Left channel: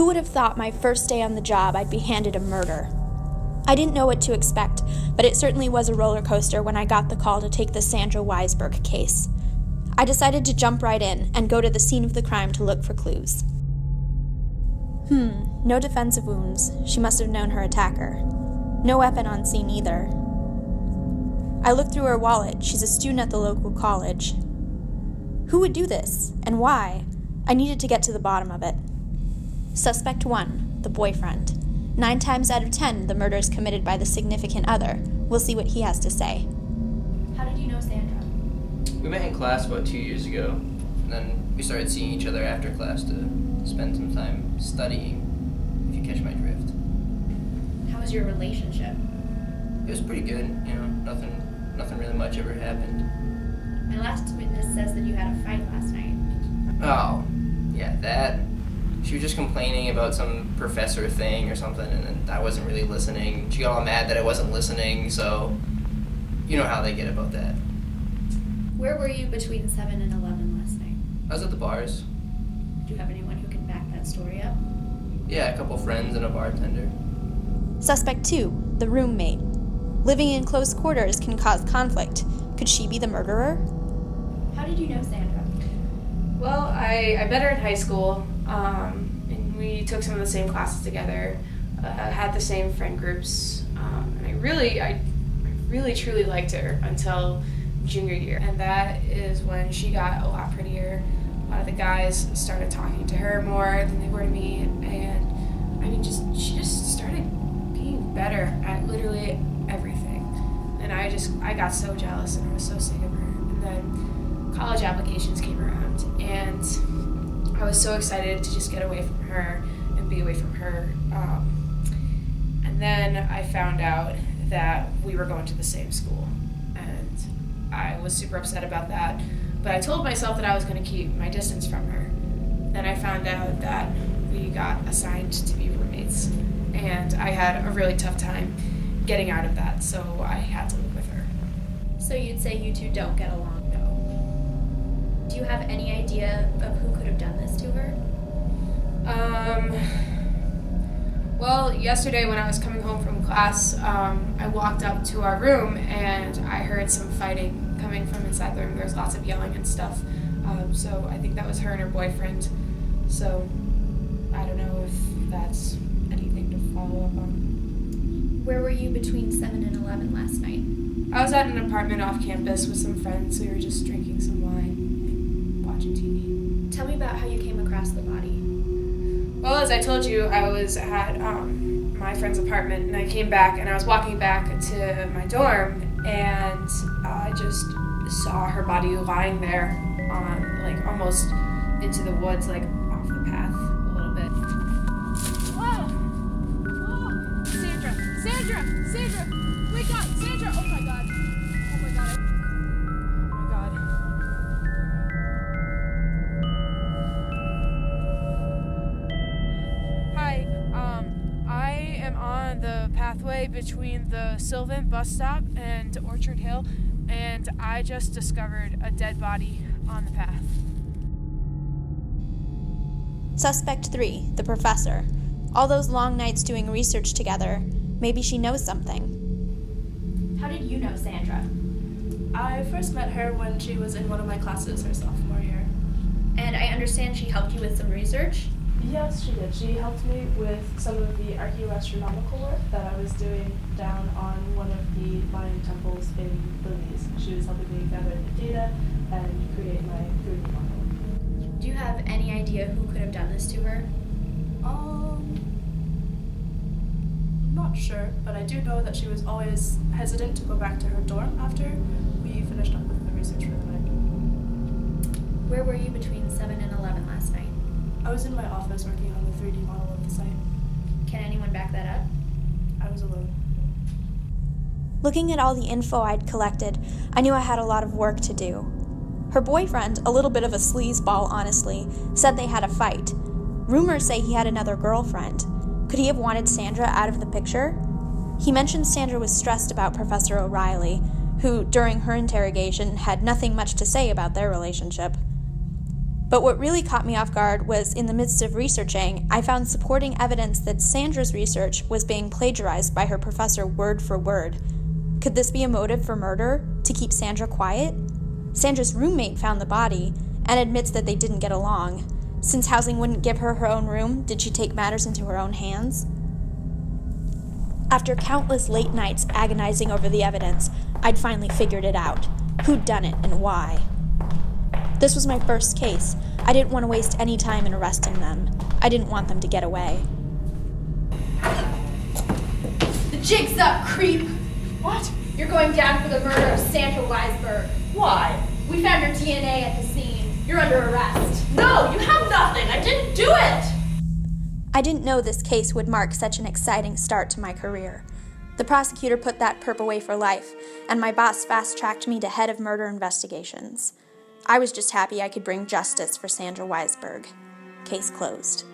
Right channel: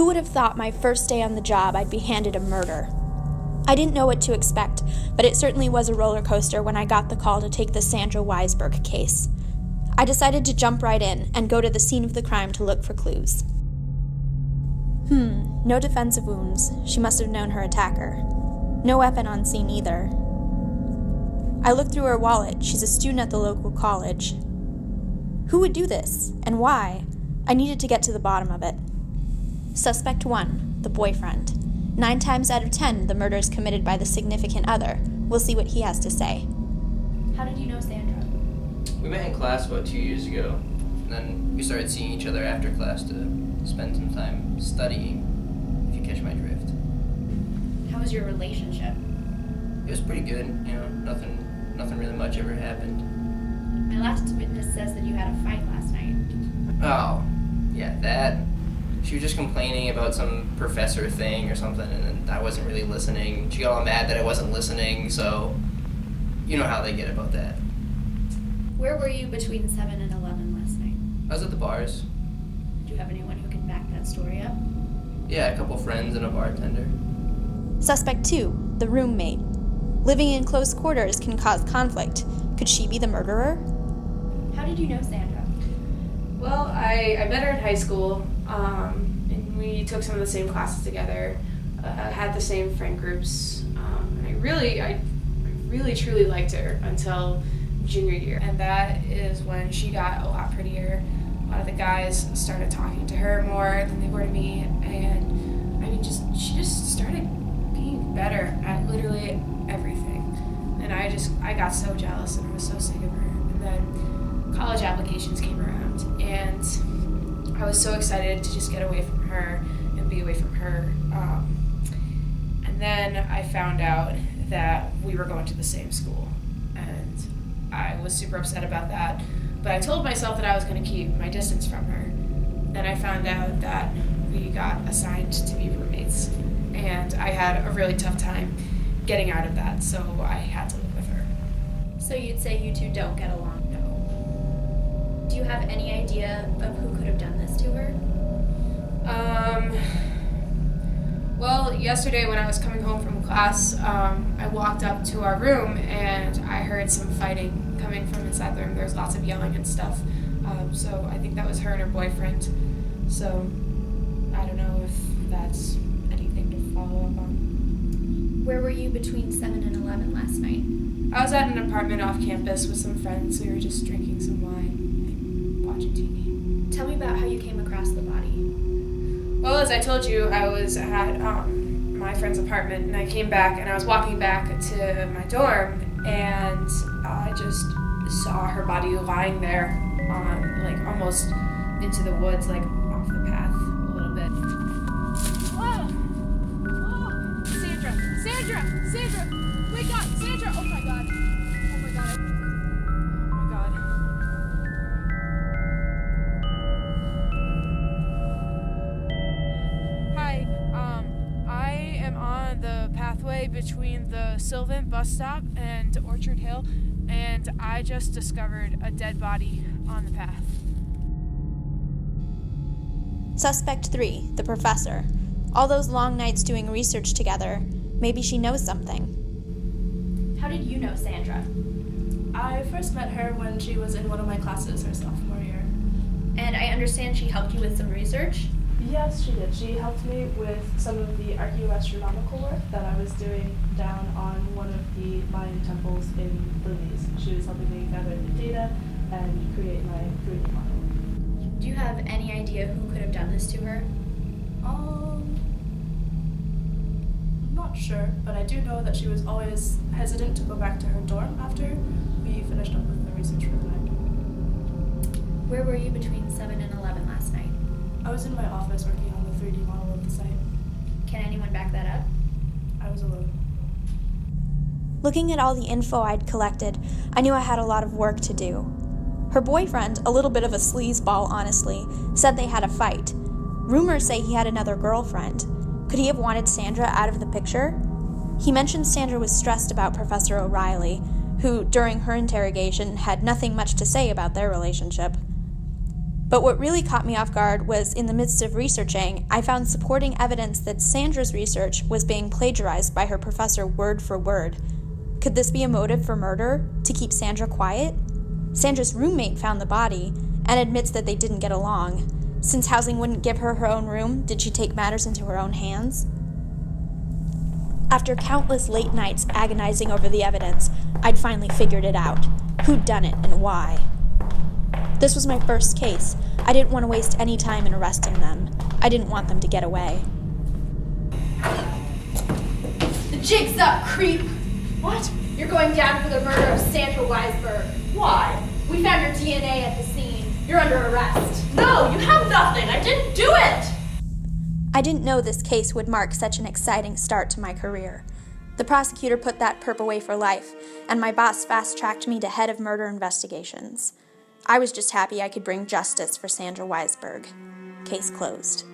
Who would have thought my first day on the job I'd be handed a murder? I didn't know what to expect, but it certainly was a roller coaster when I got the call to take the Sandra Weisberg case. I decided to jump right in and go to the scene of the crime to look for clues. No defensive wounds. She must have known her attacker. No weapon on scene either. I looked through her wallet. She's a student at the local college. Who would do this, and why? I needed to get to the bottom of it. Suspect 1, the boyfriend. 9 times out of 10, the murder is committed by the significant other. We'll see what he has to say. How did you know Sandra? We met in class about 2 years ago, and then we started seeing each other after class to spend some time studying, if you catch my drift. How was your relationship? It was pretty good, nothing really much ever happened. My last witness says that you had a fight last night. Oh, yeah, that. She was just complaining about some professor thing or something, and then I wasn't really listening. She got all mad that I wasn't listening, so you know how they get about that. Where were you between 7 and 11 last night? I was at the bars. Do you have anyone who can back that story up? Yeah, a couple friends and a bartender. Suspect 2, the roommate. Living in close quarters can cause conflict. Could she be the murderer? How did you know Sandra? Well, I met her in high school, and we took some of the same classes together, had the same friend groups, and I really truly liked her until junior year. And that is when she got a lot prettier. A lot of the guys started talking to her more than they were to me, and she just started being better at literally everything. And I got so jealous, and I was so sick of her. And then college applications came around, and I was so excited to just get away from her and be away from her. And then I found out that we were going to the same school, and I was super upset about that. But I told myself that I was going to keep my distance from her. Then I found out that we got assigned to be roommates, and I had a really tough time getting out of that, so I had to live with her. So you'd say you two don't get along? No. Do you have any idea of who could have done this to her? Well, yesterday when I was coming home from class, I walked up to our room and I heard some fighting coming from inside the room. There was lots of yelling and stuff. So I think that was her and her boyfriend. So I don't know if that's anything to follow up on. Where were you between 7 and 11 last night? I was at an apartment off campus with some friends. We were just drinking some wine and watching TV. Tell me about how you came across the body. Well, as I told you, I was at my friend's apartment, and I came back, and I was walking back to my dorm, and I just saw her body lying there on, almost into the woods, off the path a little bit. Whoa! Whoa! Sandra! Wake up! Sandra! Oh my god! Oh my god! Hi, I am on the pathway between the Sylvan bus stop and Orchard Hill, and I just discovered a dead body on the path. Suspect 3, the professor. All those long nights doing research together. Maybe she knows something. How did you know Sandra? I first met her when she was in one of my classes her sophomore year. And I understand she helped you with some research? Yes, she did. She helped me with some of the archaeoastronomical work that I was doing down on one of the Mayan temples in Belize. She was helping me gather the data and create my 3D model. Do you have any idea who could have done this to her? I'm not sure, but I do know that she was always hesitant to go back to her dorm after we finished up with the research for the night. Where were you between 7 and 11 last night? I was in my office working on the 3D model of the site. Can anyone back that up? I was alone. Looking at all the info I'd collected, I knew I had a lot of work to do. Her boyfriend, a little bit of a sleazeball honestly, said they had a fight. Rumors say he had another girlfriend. Could he have wanted Sandra out of the picture? He mentioned Sandra was stressed about Professor O'Reilly, who, during her interrogation, had nothing much to say about their relationship. But what really caught me off guard was, in the midst of researching, I found supporting evidence that Sandra's research was being plagiarized by her professor word for word. Could this be a motive for murder, to keep Sandra quiet? Sandra's roommate found the body and admits that they didn't get along. Since housing wouldn't give her her own room, did she take matters into her own hands? After countless late nights agonizing over the evidence, I'd finally figured it out. Who'd done it and why? This was my first case. I didn't want to waste any time in arresting them. I didn't want them to get away. The jig's up, creep! What? You're going down for the murder of Sandra Weisberg. Why? We found your DNA at the scene. You're under arrest. No, you have nothing. I didn't do it! I didn't know this case would mark such an exciting start to my career. The prosecutor put that perp away for life, and my boss fast-tracked me to head of murder investigations. I was just happy I could bring justice for Sandra Weisberg. Case closed.